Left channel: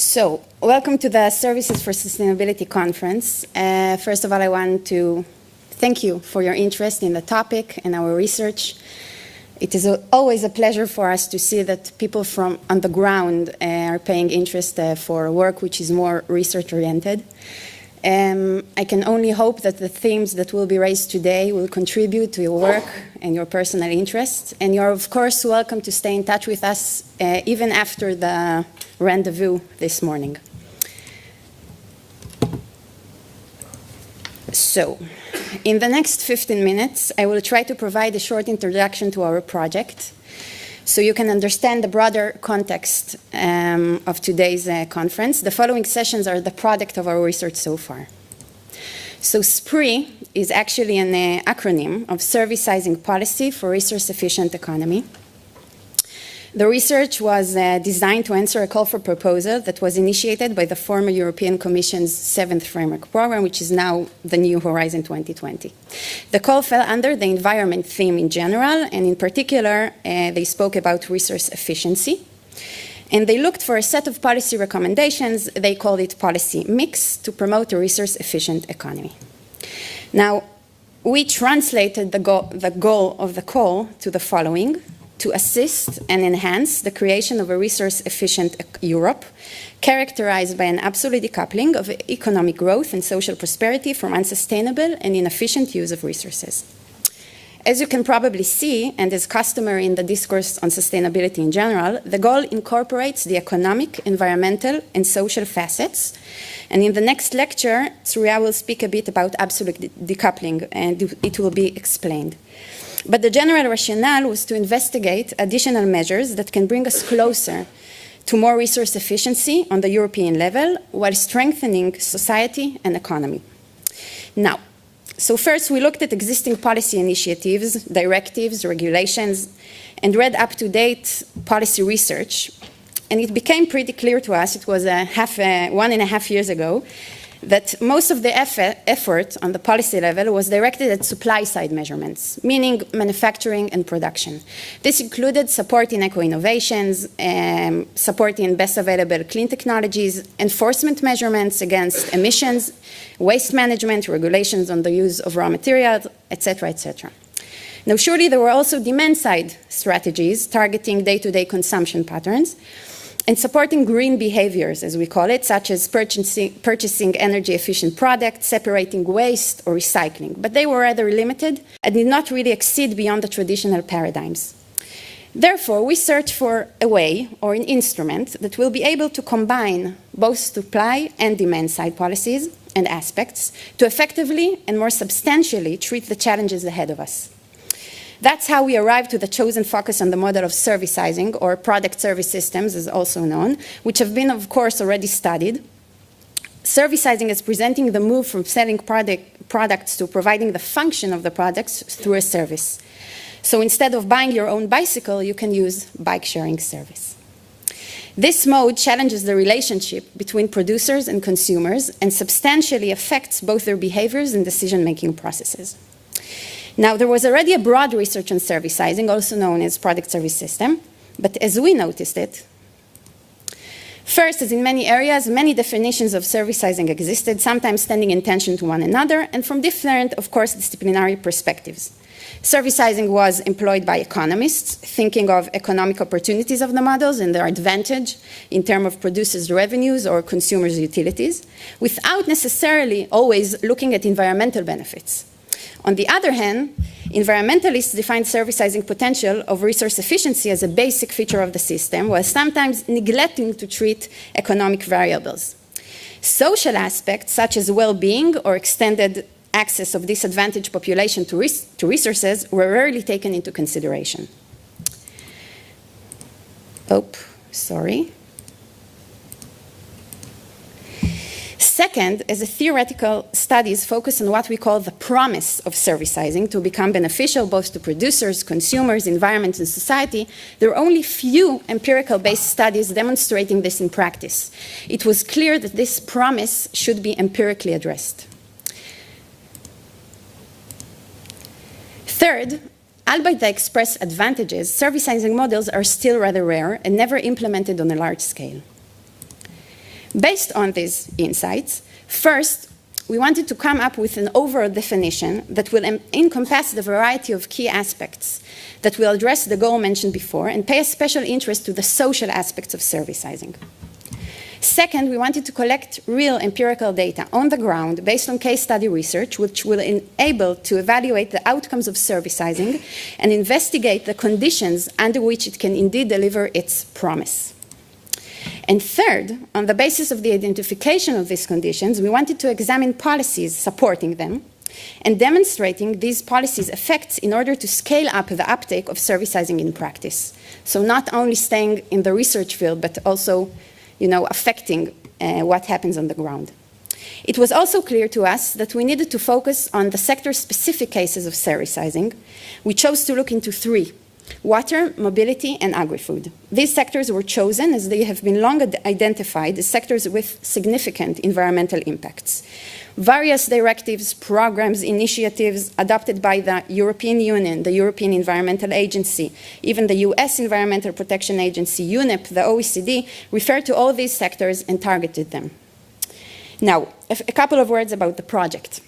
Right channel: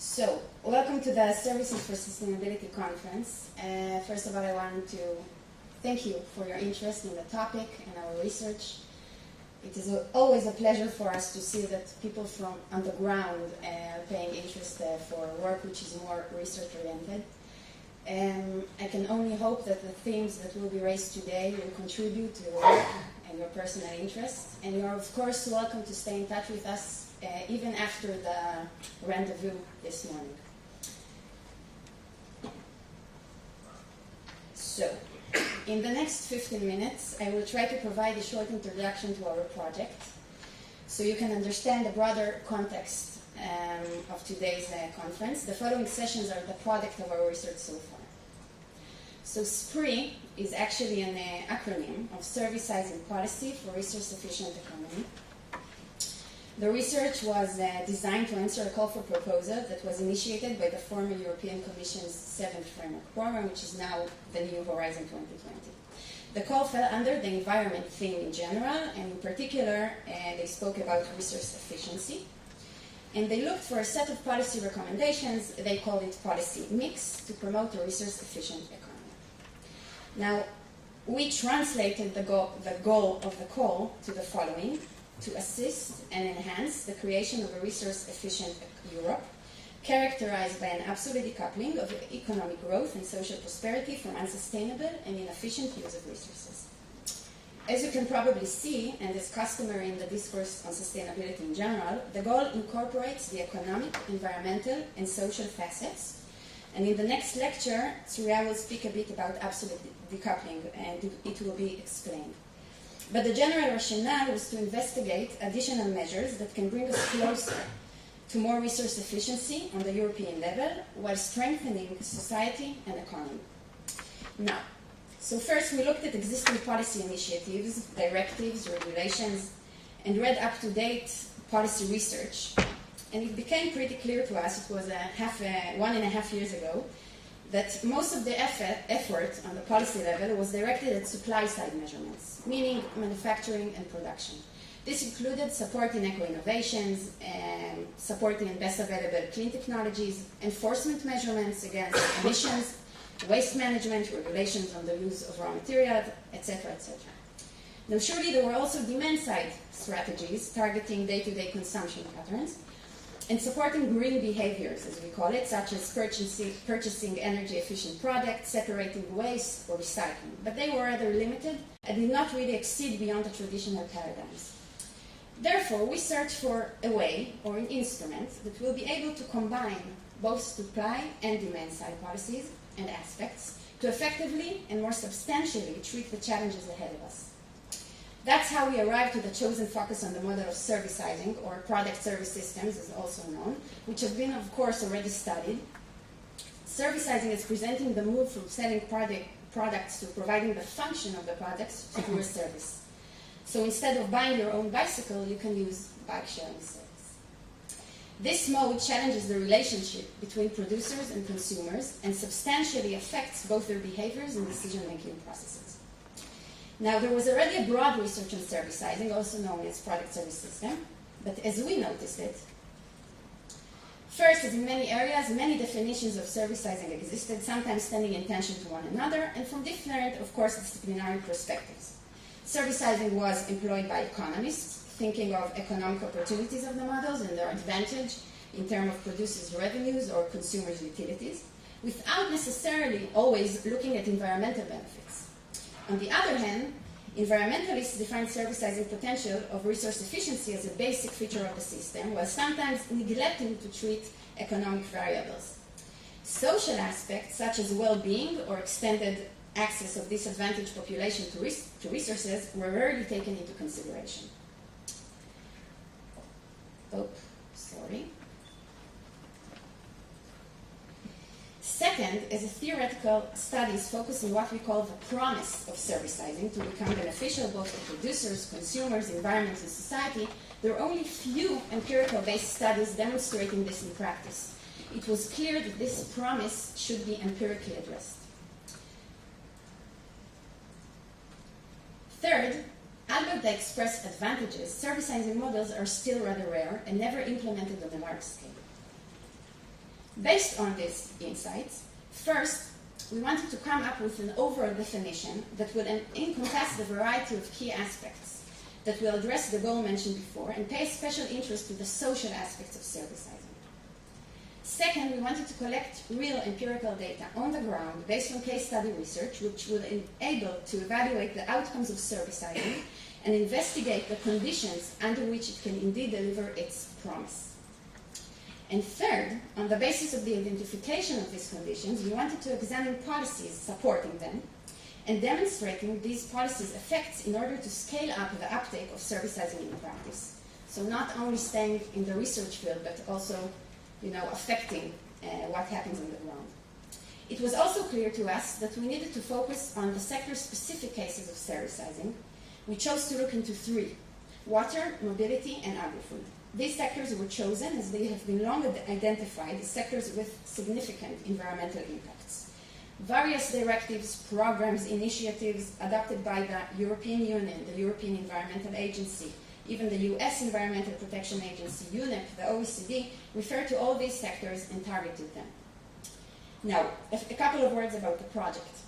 So, welcome to the Services for Sustainability Conference. First of all, I want to thank you for your interest in the topic and our research. It is always a pleasure for us to see that people from on the ground are paying interest for work which is more research-oriented. I can only hope that the themes that will be raised today will contribute to your work and your personal interests. And you're, of course, welcome to stay in touch with us even after the rendezvous this morning. So, in the next 15 minutes, I will try to provide a short introduction to our project so you can understand the broader context of today's conference. The following sessions are the product of our research so far. So SPRI is actually an acronym of Servicizing Policy for Resource-Efficient Economy. The research was designed to answer a call for proposal that was initiated by the former European Commission's 7th Framework Program, which is now the New Horizon 2020. The call fell under the environment theme in general, and in particular, they spoke about resource efficiency. And they looked for a set of policy recommendations, they called it policy mix, to promote a resource-efficient economy. Now, we translated the goal of the call to the following: to assist and enhance the creation of a resource-efficient Europe, characterized by an absolute decoupling of economic growth and social prosperity from unsustainable and inefficient use of resources. As you can probably see, and is customary in the discourse on sustainability in general, the goal incorporates the economic, environmental, and social facets. And in the next lecture, Surya will speak a bit about absolute decoupling, and it will be explained. But the general rationale was to investigate additional measures that can bring us closer to more resource efficiency on the European level while strengthening society and economy. Now, so first we looked at existing policy initiatives, directives, regulations, and read up-to-date policy research. And it became pretty clear to us, it was 1.5 years ago, that most of the effort on the policy level was directed at supply-side measurements, meaning manufacturing and production. This included supporting eco-innovations, supporting best available clean technologies, enforcement measurements against emissions, waste management, regulations on the use of raw materials, etc., etc. Now, surely there were also demand-side strategies targeting day-to-day consumption patterns, and supporting green behaviors, as we call it, such as purchasing energy-efficient products, separating waste, or recycling. But they were rather limited and did not really exceed beyond the traditional paradigms. Therefore, we searched for a way or an instrument that will be able to combine both supply and demand-side policies and aspects to effectively and more substantially treat the challenges ahead of us. That's how we arrived to the chosen focus on the model of servicizing, or product service systems as also known, which have been, of course, already studied. Servicizing is presenting the move from selling products to providing the function of the products through a service. So instead of buying your own bicycle, you can use bike sharing service. This mode challenges the relationship between producers and consumers and substantially affects both their behaviors and decision-making processes. Now, there was already a broad research on servicizing, also known as product service system, but as we noticed it, first, as in many areas, many definitions of servicizing existed, sometimes standing in tension to one another, and from different, of course, disciplinary perspectives. Servicizing was employed by economists, thinking of economic opportunities of the models and their advantage in terms of producers' revenues or consumers' utilities, without necessarily always looking at environmental benefits. On the other hand, environmentalists define servicizing potential of resource efficiency as a basic feature of the system, while sometimes neglecting to treat economic variables. Social aspects, such as well-being or extended access of disadvantaged population to resources, were rarely taken into consideration. Second, as a theoretical studies focus on what we call the promise of servicizing to become beneficial both to producers, consumers, environment, and society, there are only few empirical-based studies demonstrating this in practice. It was clear that this promise should be empirically addressed. Third, albeit they express advantages, servicizing models are still rather rare and never implemented on a large scale. Based on these insights, first, we wanted to come up with an overall definition that will encompass the variety of key aspects that will address the goal mentioned before and pay a special interest to the social aspects of servicizing. Second, we wanted to collect real empirical data on the ground based on case study research, which will enable to evaluate the outcomes of servicizing and investigate the conditions under which it can indeed deliver its promise. And third, on the basis of the identification of these conditions, we wanted to examine policies supporting them and demonstrating these policies' effects in order to scale up the uptake of servicizing in practice. So not only staying in the research field, but also affecting what happens on the ground. It was also clear to us that we needed to focus on the sector-specific cases of servicizing. We chose to look into three: water, mobility, and agri-food. These sectors were chosen as they have been long identified as sectors with significant environmental impacts. Various directives, programs, initiatives adopted by the European Union, the European Environmental Agency, even the US Environmental Protection Agency, UNEP, the OECD, refer to all these sectors and targeted them. Now, a couple of words about the project.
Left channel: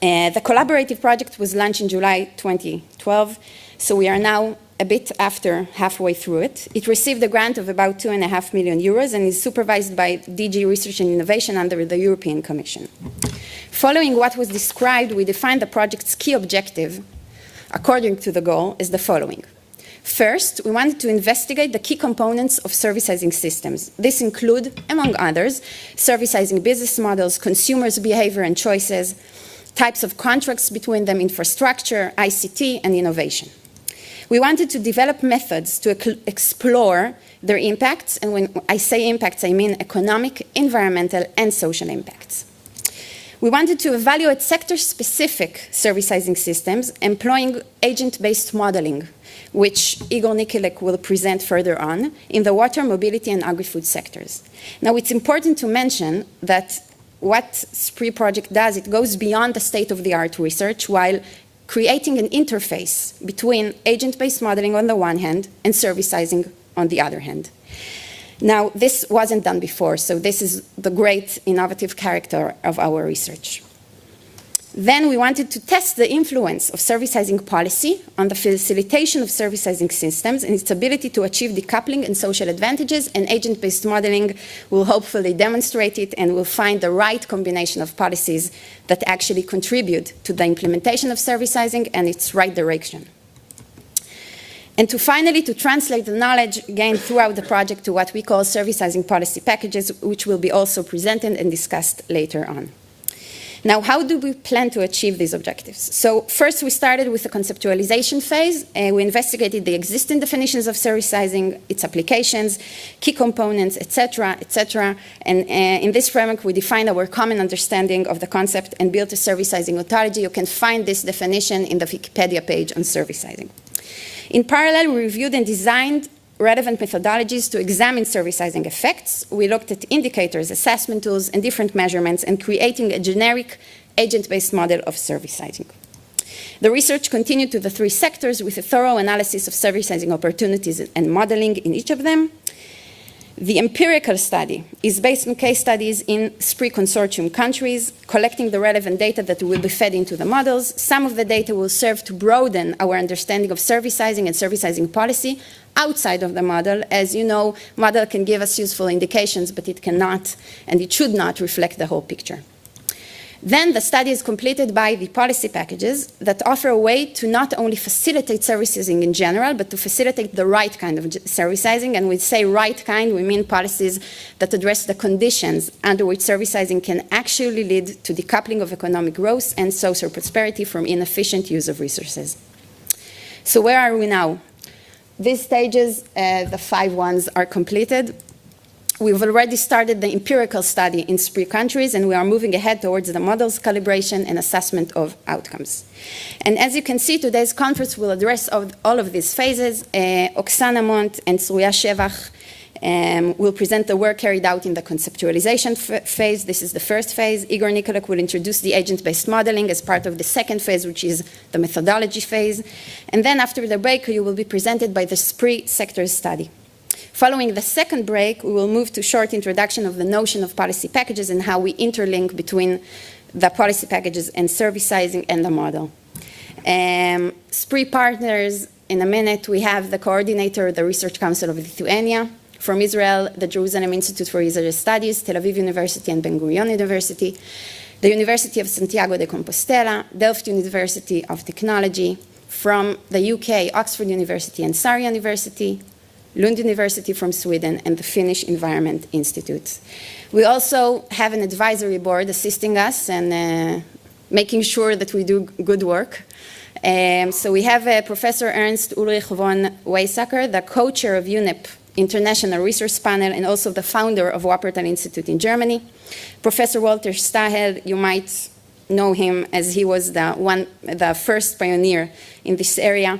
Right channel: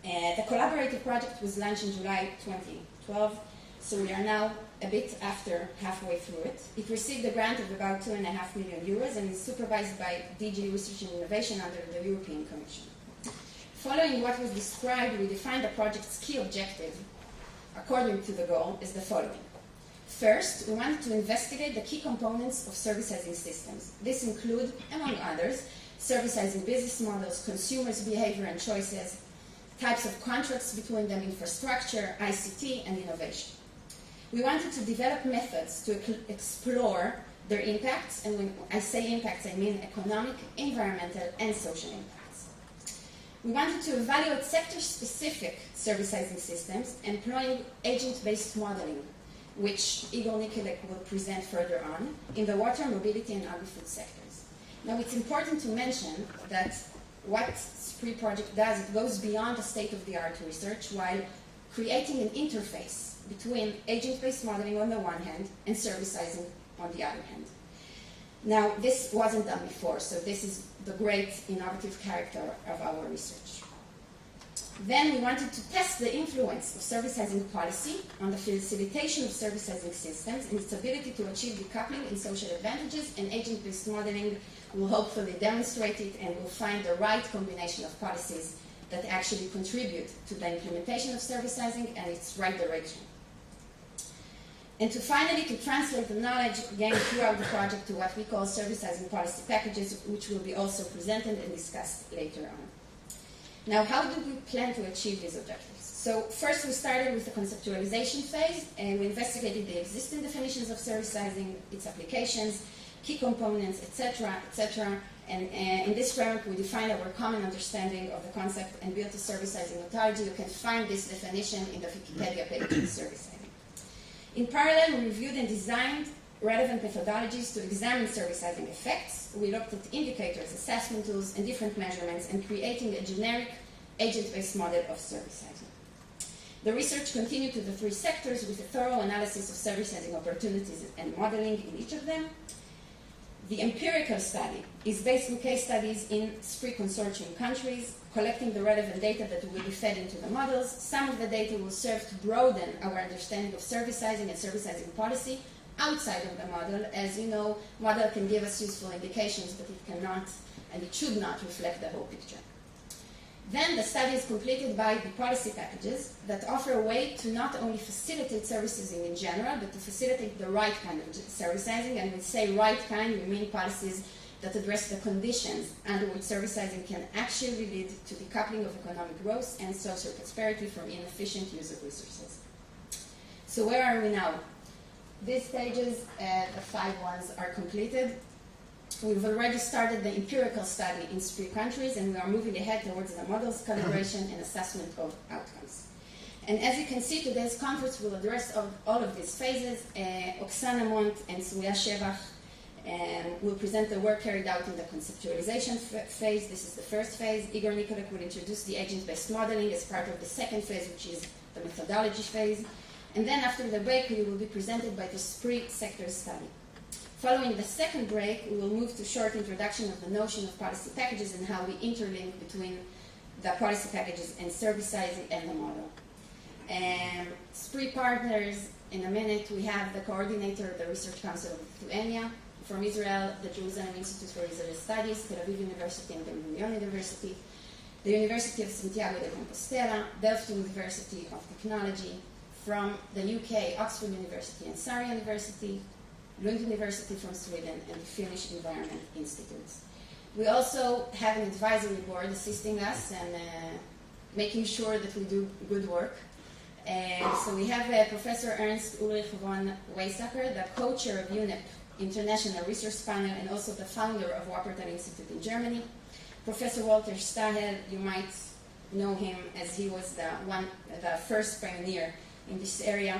The collaborative project was launched in July 2012, so we are now a bit after halfway through it. It received a grant of about 2.5 million euros and is supervised by DG Research and Innovation under the European Commission. Following what was described, we defined the project's key objective, according to the goal, as the following. First, we wanted to investigate the key components of servicizing systems. This include, among others, servicizing business models, consumers' behavior and choices, types of contracts between them, infrastructure, ICT, and innovation. We wanted to develop methods to explore their impacts, and when I say impacts, I mean economic, environmental, and social impacts. We wanted to evaluate sector-specific servicizing systems employing agent-based modeling, which Igor Nikolek will present further on, in the water, mobility, and agri-food sectors. Now, it's important to mention that what SPRI project does, it goes beyond the state-of-the-art research while creating an interface between agent-based modeling on the one hand and servicizing on the other hand. Now, this wasn't done before, so this is the great innovative character of our research. Then we wanted to test the influence of servicizing policy on the facilitation of servicizing systems and its ability to achieve decoupling and social advantages, and agent-based modeling will hopefully demonstrate it and will find the right combination of policies that actually contribute to the implementation of servicizing and its right direction. And finally, to translate the knowledge gained throughout the project to what we call servicizing policy packages, which will be also presented and discussed later on. Now, how do we plan to achieve these objectives? So first, we started with the conceptualization phase. We investigated the existing definitions of servicizing, its applications, key components, etc., etc. And in this framework, we defined our common understanding of the concept and built a servicizing ontology. You can find this definition in the Wikipedia page on servicizing. In parallel, we reviewed and designed relevant methodologies to examine servicizing effects. We looked at indicators, assessment tools, and different measurements, and creating a generic agent-based model of servicizing. The research continued to the three sectors with a thorough analysis of servicizing opportunities and modeling in each of them. The empirical study is based on case studies in SPRI consortium countries, collecting the relevant data that will be fed into the models. Some of the data will serve to broaden our understanding of servicizing and servicizing policy outside of the model. As you know, model can give us useful indications, but it cannot and it should not reflect the whole picture. Then the study is completed by the policy packages that offer a way to not only facilitate servicizing in general, but to facilitate the right kind of servicizing. And when we say right kind, we mean policies that address the conditions under which servicizing can actually lead to decoupling of economic growth and social prosperity from inefficient use of resources. So where are we now? These stages, the 5 ones, are completed. We've already started the empirical study in SPRI countries, and we are moving ahead towards the models calibration and assessment of outcomes. And as you can see, today's conference will address all of these phases. Oksana Mont and Surya Shevach will present the work carried out in the conceptualization phase. This is the first phase. Igor Nikolek will introduce the agent-based modeling as part of the second phase, which is the methodology phase. And then after the break, you will be presented by the SPRI sector study. Following the second break, we will move to a short introduction of the notion of policy packages and how we interlink between the policy packages and servicizing and the model. SPRI partners, in a minute, we have the coordinator of the Research Council of Lithuania, from Israel, the Jerusalem Institute for Israeli Studies, Tel Aviv University and Ben-Gurion University, the University of Santiago de Compostela, Delft University of Technology, from the UK, Oxford University and Surrey University, Lund University from Sweden, and the Finnish Environment Institute. We also have an advisory board assisting us and making sure that we do good work. So we have Professor Ernst Ulrich von Weizsäcker, the co-chair of UNEP International Research Panel and also the founder of Wuppertal Institute in Germany. Professor Walter Stahel, you might know him as he was the first pioneer in this area.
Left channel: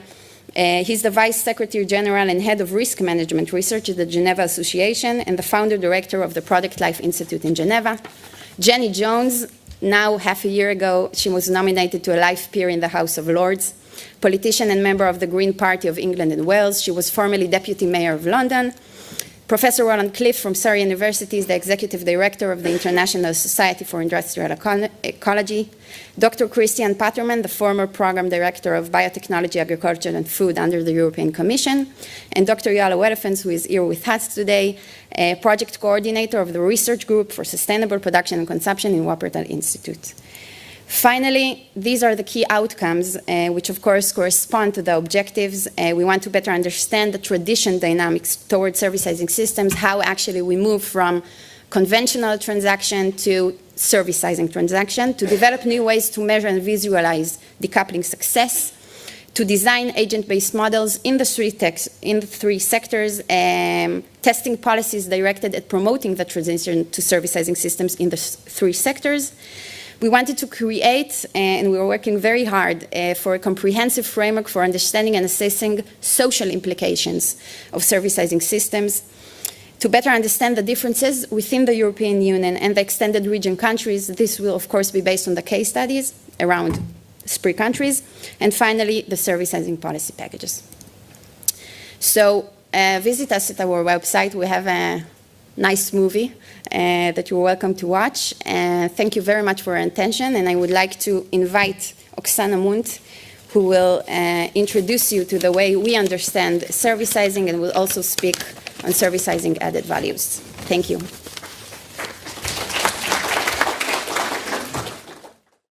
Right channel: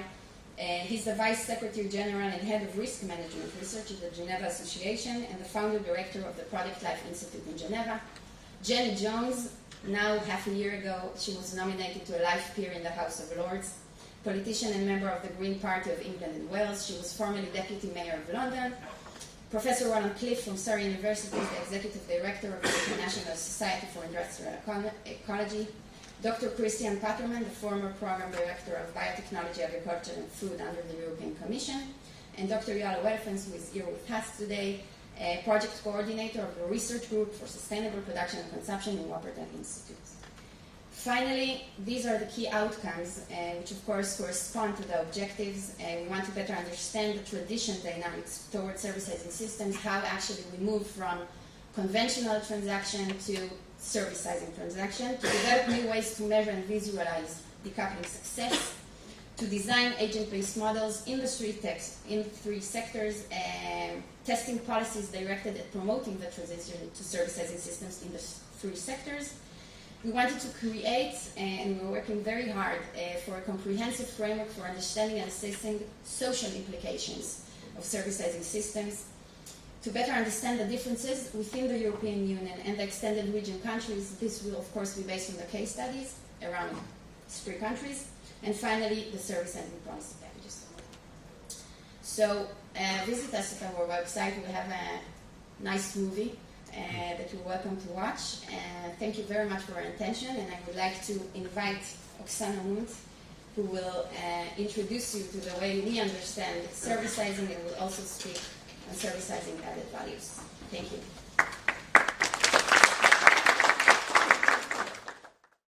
He's the Vice Secretary General and Head of Risk Management Research at the Geneva Association and the founder director of the Product Life Institute in Geneva. Jenny Jones, now half a year ago, she was nominated to a life peer in the House of Lords. Politician and member of the Green Party of England and Wales. She was formerly Deputy Mayor of London. Professor Roland Cliff from Surrey University is the Executive Director of the International Society for Industrial Ecology. Dr. Christian Patterman, the former Program Director of Biotechnology, Agriculture and Food under the European Commission. And Dr. Yael Marom, who is here with us today, Project Coordinator of the Research Group for Sustainable Production and Consumption in Wuppertal Institute. Finally, these are the key outcomes, which of course correspond to the objectives. We want to better understand the tradition dynamics towards servicizing systems, how actually we move from conventional transaction to servicizing transaction, to develop new ways to measure and visualize decoupling success, to design agent-based models in the three sectors, testing policies directed at promoting the transition to servicizing systems in the three sectors. We wanted to create, and we were working very hard for a comprehensive framework for understanding and assessing social implications of servicizing systems, to better understand the differences within the European Union and the extended region countries. This will, of course, be based on the case studies around SPRI countries, and finally, the servicizing policy packages. So visit us at our website. We have a nice movie that you're welcome to watch. Thank you very much for your attention, and I would like to invite Oksana Munt, who will introduce you to the way we understand servicizing and will also speak on servicizing added values. Thank you.